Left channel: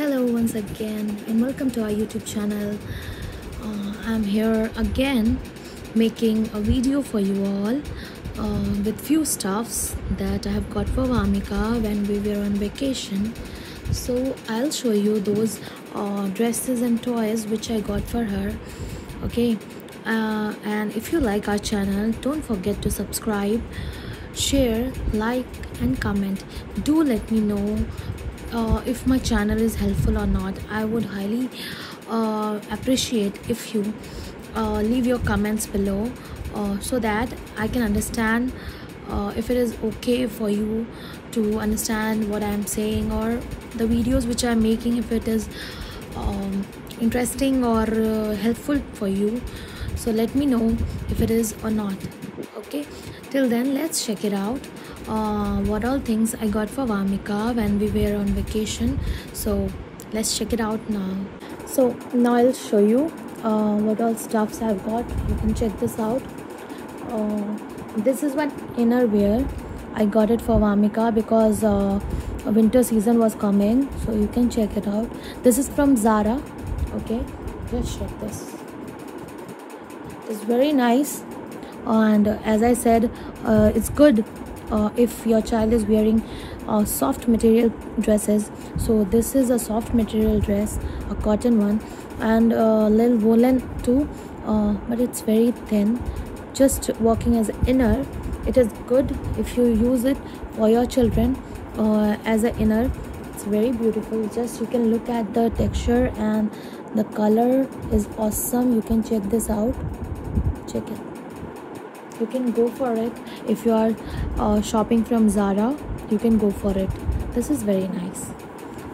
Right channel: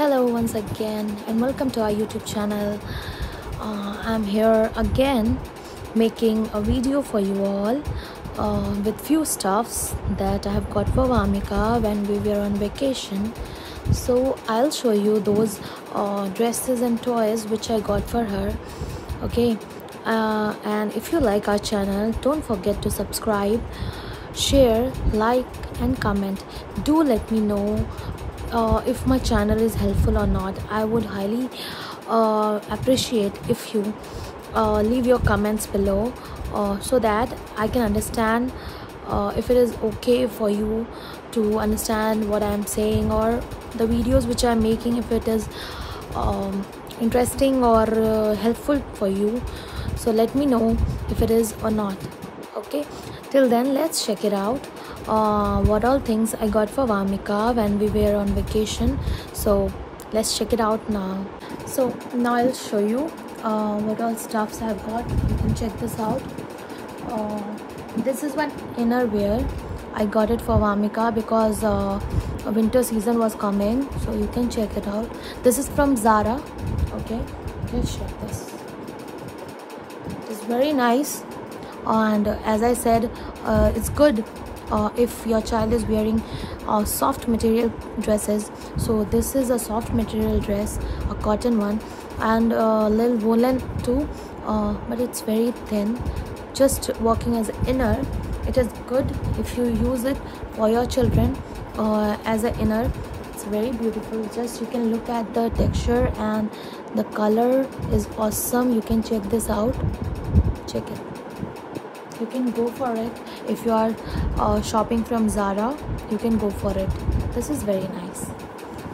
Hello once again and welcome to our YouTube channel. I'm here again making a video for you all with few stuffs that I have got for Vamika when we were on vacation. So I'll show you those dresses and toys which I got for her. Okay, and if you like our channel, don't forget to subscribe, share, like and comment. Do let me know if my channel is helpful or not. I would highly appreciate if you leave your comments below so that I can understand if it is okay for you to understand what I'm saying, or the videos which I'm making, if it is interesting or helpful for you. So let me know if it is or not. Okay, till then let's check it out. What all things I got for Vamika when we were on vacation. So let's check it out now. So now I'll show you what all stuffs I've got. You can check this out. This is one inner wear. I got it for Vamika because winter season was coming, so you can check it out. This is from Zara. Okay, let's check this. It's very nice, and as I said, it's good if your child is wearing soft material dresses. So this is a soft material dress, a cotton one, and a little woolen too, but it's very thin, just working as an inner. It is good if you use it for your children as an inner. It's very beautiful. Just you can look at the texture, and the color is awesome. You can check this out. Check it. You can go for it. If you are shopping from Zara, you can go for it. This is very nice.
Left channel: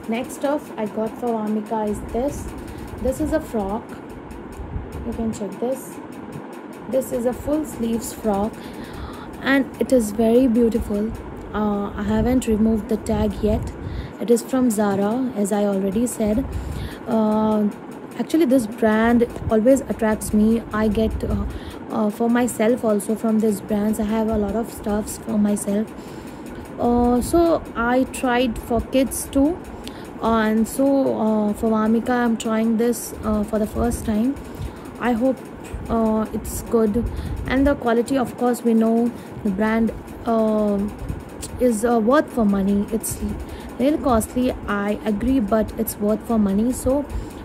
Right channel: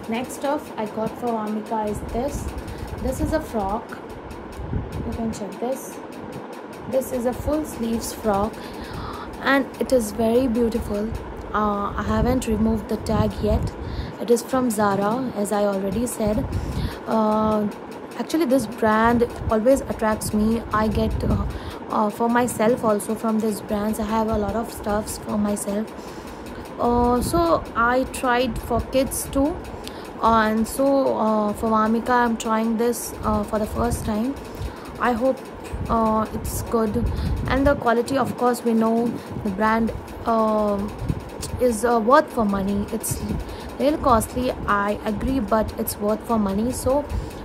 Next off I got for Vamika is this. This is a frock. You can check this. This is a full sleeves frock, and it is very beautiful. I haven't removed the tag yet. It is from Zara, as I already said. Actually, this brand always attracts me. I get for myself also from this brands. I have a lot of stuffs for myself. So I tried for kids too, and so for Vamika I'm trying this for the first time. I hope it's good, and the quality, of course, we know the brand is worth for money. It's little costly, I agree, but it's worth for money. So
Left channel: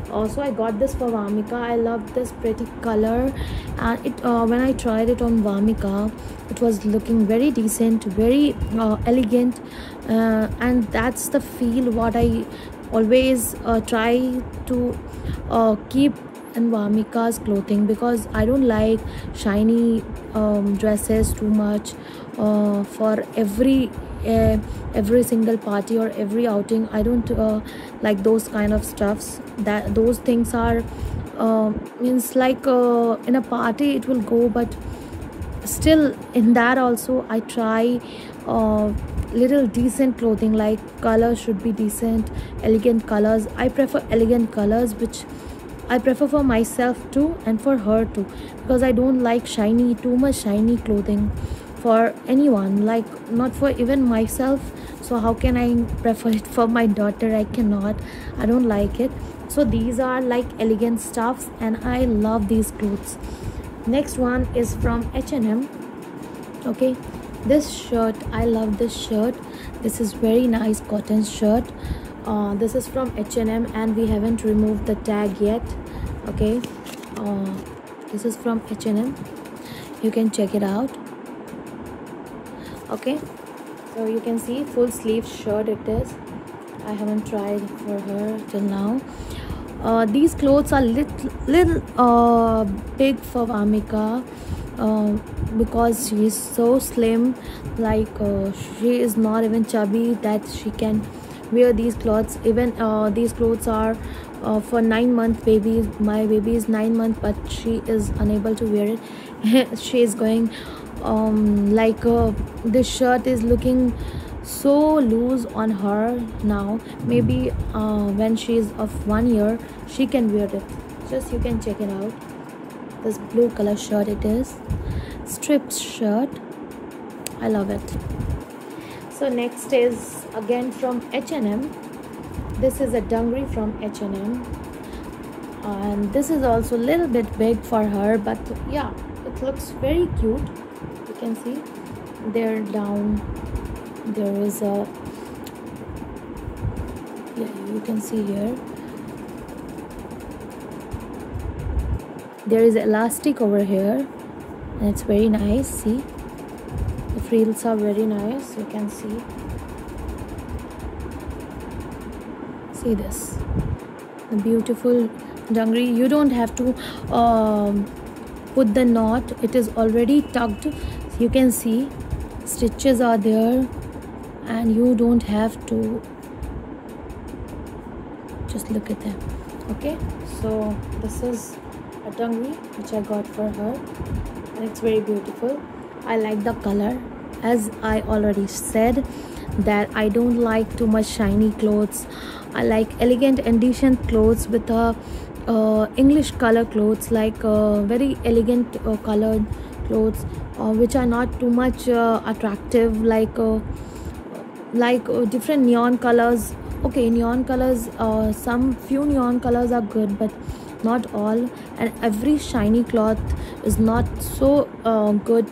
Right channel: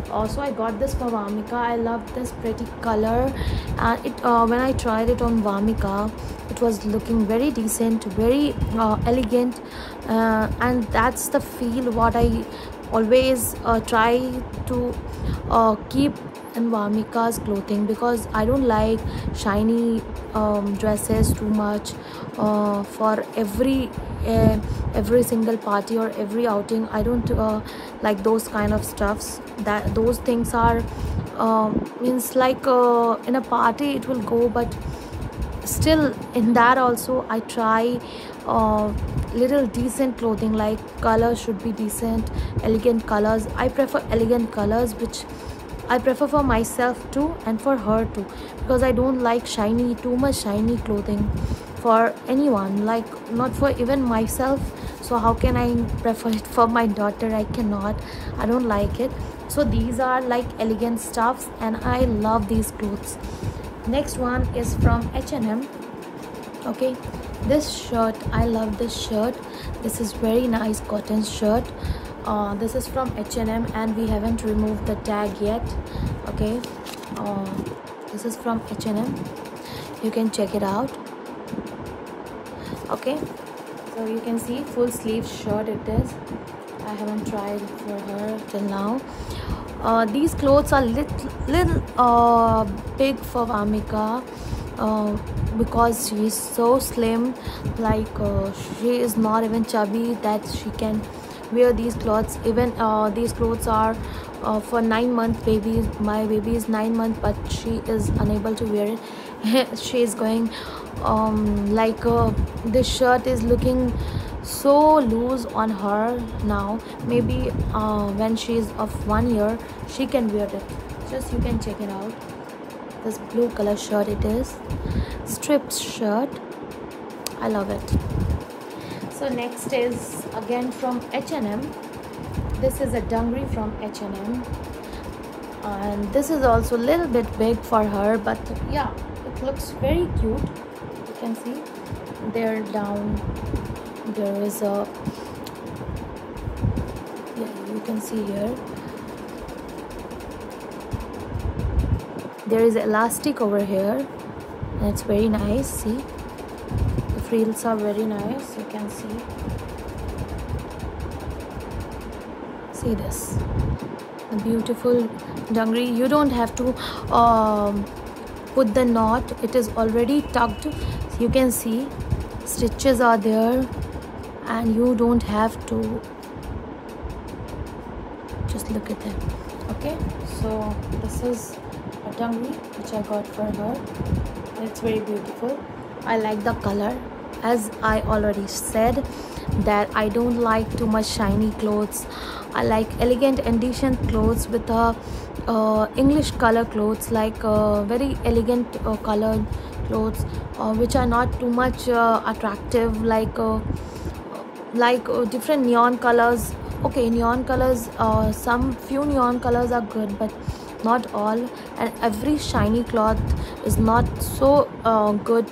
also I got this for Vamika. I love this pretty color, and when I tried it on Vamika, it was looking very decent, very elegant, and that's the feel what I always try to keep in Vamika's clothing, because I don't like shiny dresses too much for every single party or every outing. I don't like those kind of stuffs. That those things are means like in a party it will go, but still in that also I try little decent clothing, like colors should be decent, elegant colors. I prefer elegant colors, which I prefer for myself too and for her too, because I don't like shiny, too much shiny clothing for anyone, like not for even myself. So how can I prefer it for my daughter? I cannot. I don't like it. So these are like elegant stuffs, and I love these clothes. Next one is from H&M. Okay, this shirt, I love this shirt. This is very nice cotton shirt. This is from H&M, and we haven't removed the tag yet. Okay, this is from H&M. You can check it out. Okay, so you can see full sleeve shirt it is. I haven't tried for her till now. These clothes are little big for Vamika because she is so slim. Like she is not even chubby that she can wear these clothes. Even these clothes are for 9-month baby. My baby is 9 months, but she is unable to wear it. She is going this shirt is looking so loose on her now. Maybe when she is of 1 year she can wear it. Just you can check it out. This blue color shirt it is, striped shirt. I love it. So next is again from H&M. This is a dungaree from H&M, and this is also a little bit big for her, but yeah, it looks very cute. You can see there down there is a, yeah, you can see here there is elastic over here, and it's very nice. See, the frills are very nice. You can see this, the beautiful dungaree. You don't have to put the knot, it is already tucked. So you can see stitches are there, and you don't have to, just look at them. Okay, so this is a dungaree which I got for her, and it's very beautiful. I like the color. As I already said that I don't like too much shiny clothes. I like elegant and decent clothes with a English color clothes, like very elegant colored clothes, which are not too much attractive, like different neon colors. Okay, neon colors, some few neon colors are good, but not all, and every shiny cloth is not so good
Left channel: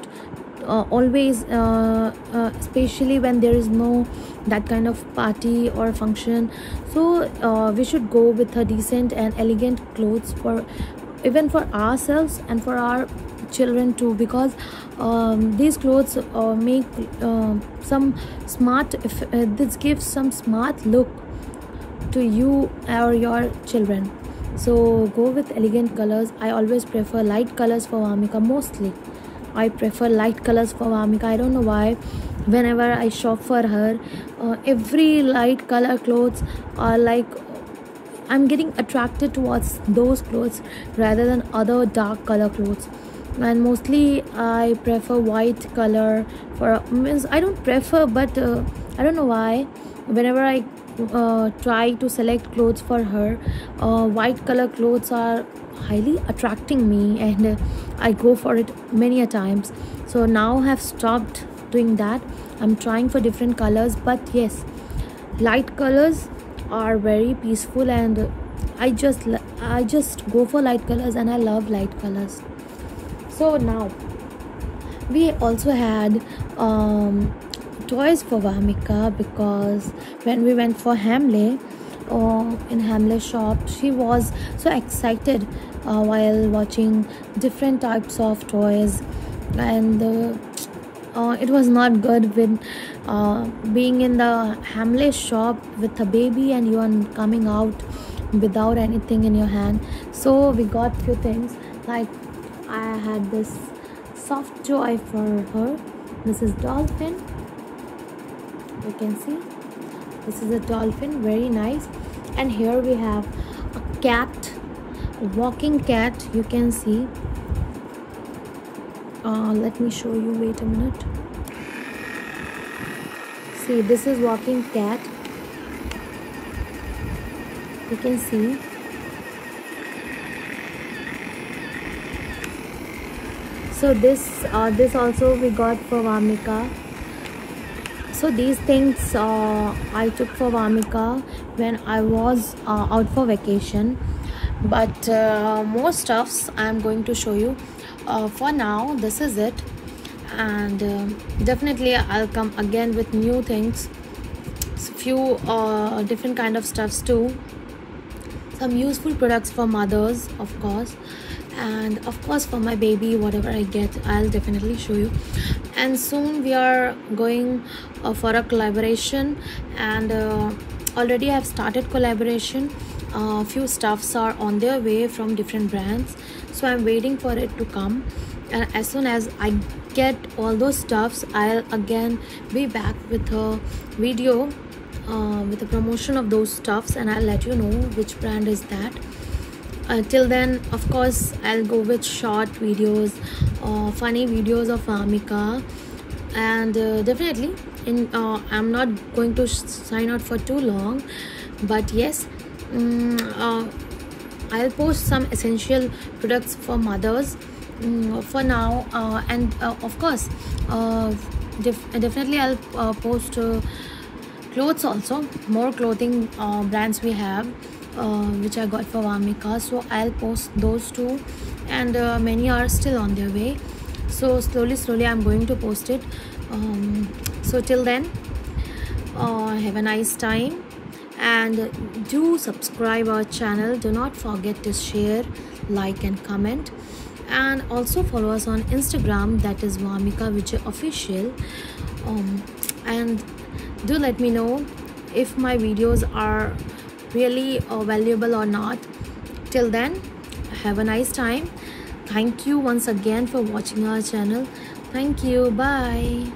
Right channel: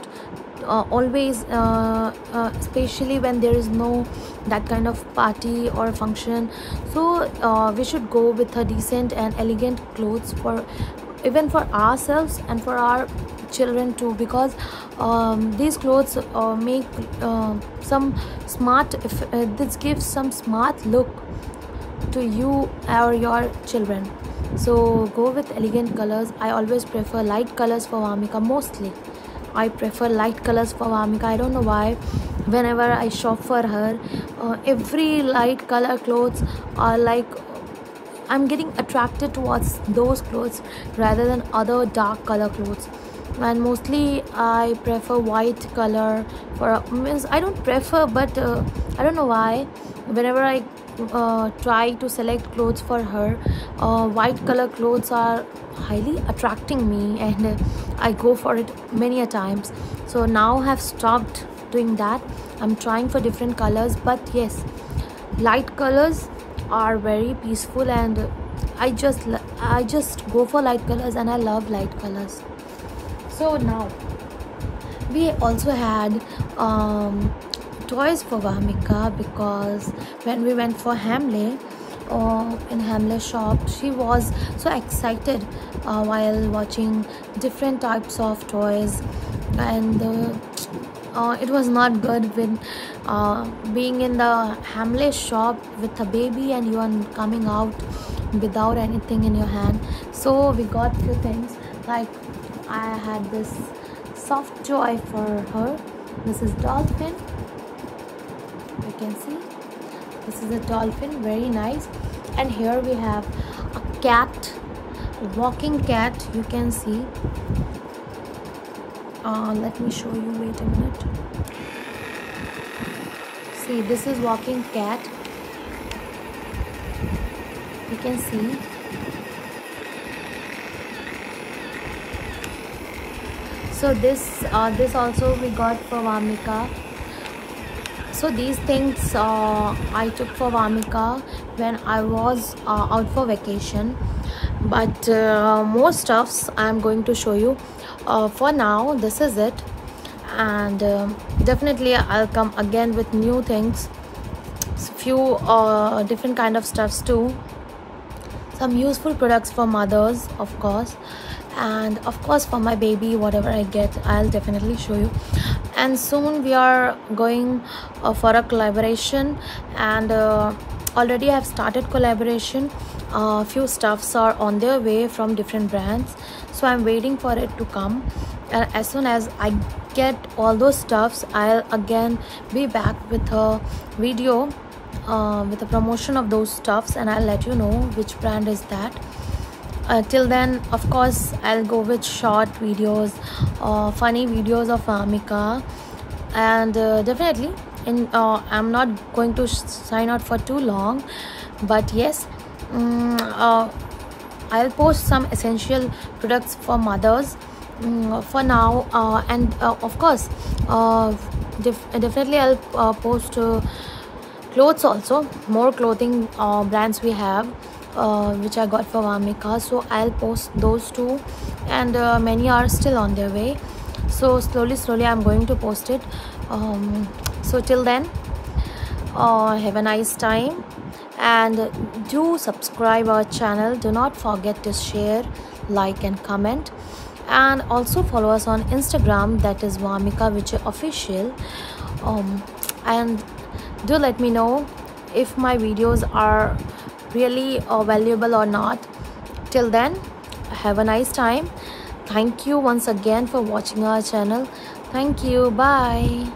always, especially when there is no that kind of party or function. So we should go with a decent and elegant clothes, for even for ourselves and for our children too, because these clothes make some smart, this gives some smart look to you or your children. So go with elegant colors. I always prefer light colors for Vamika. Mostly I prefer light colors for Vamika. I don't know why. Whenever I shop for her, every light color clothes are like, I'm getting attracted towards those clothes rather than other dark color clothes. And mostly I prefer white color for, means I don't prefer, but I don't know why. Whenever I try to select clothes for her, white color clothes are highly attracting me, and I go for it many a times. So now I have stopped doing that. I'm trying for different colors, but yes, light colors are very peaceful, and I just go for light colors, and I love light colors. So now we also had toys for Vamika, because when we went for Hamley, in Hamley shop, she was so excited while watching different types of toys, and it was not good with being in the Hamley shop with a baby and you are coming out without anything in your hand. So we got few things, like I had this soft toy for her. This is dolphin. You can see this is a dolphin, very nice. And here we have a cat, a walking cat. You can see, let me show you, wait a minute. See, this is walking cat. You can see. So this also we got for Vamika. So these things I took for Vamika when I was out for vacation, but more stuffs I'm going to show you. For now, this is it, and definitely I'll come again with new things, few different kind of stuffs too, some useful products for mothers, of course, and of course for my baby, whatever I get, I'll definitely show you. And soon we are going for a collaboration, and already I have started collaboration. Few stuffs are on their way from different brands, so I'm waiting for it to come, and as soon as I get all those stuffs, I'll again be back with a video with a promotion of those stuffs, and I'll let you know which brand is that. Till then, of course, I'll go with short videos, funny videos of Vamika, and definitely, I'm not going to sign out for too long, but yes, I'll post some essential products for mothers for now, and of course, definitely I'll post clothes also, more clothing brands we have, which I got for Vamika. So I'll post those too, and many are still on their way. So slowly I'm going to post it. So till then, have a nice time, and do subscribe our channel. Do not forget to share, like and comment, and also follow us on Instagram, that is Vamika Vijay Official. And do let me know if my videos are really valuable or not. Till then, have a nice time. Thank you once again for watching our channel. Thank you. Bye.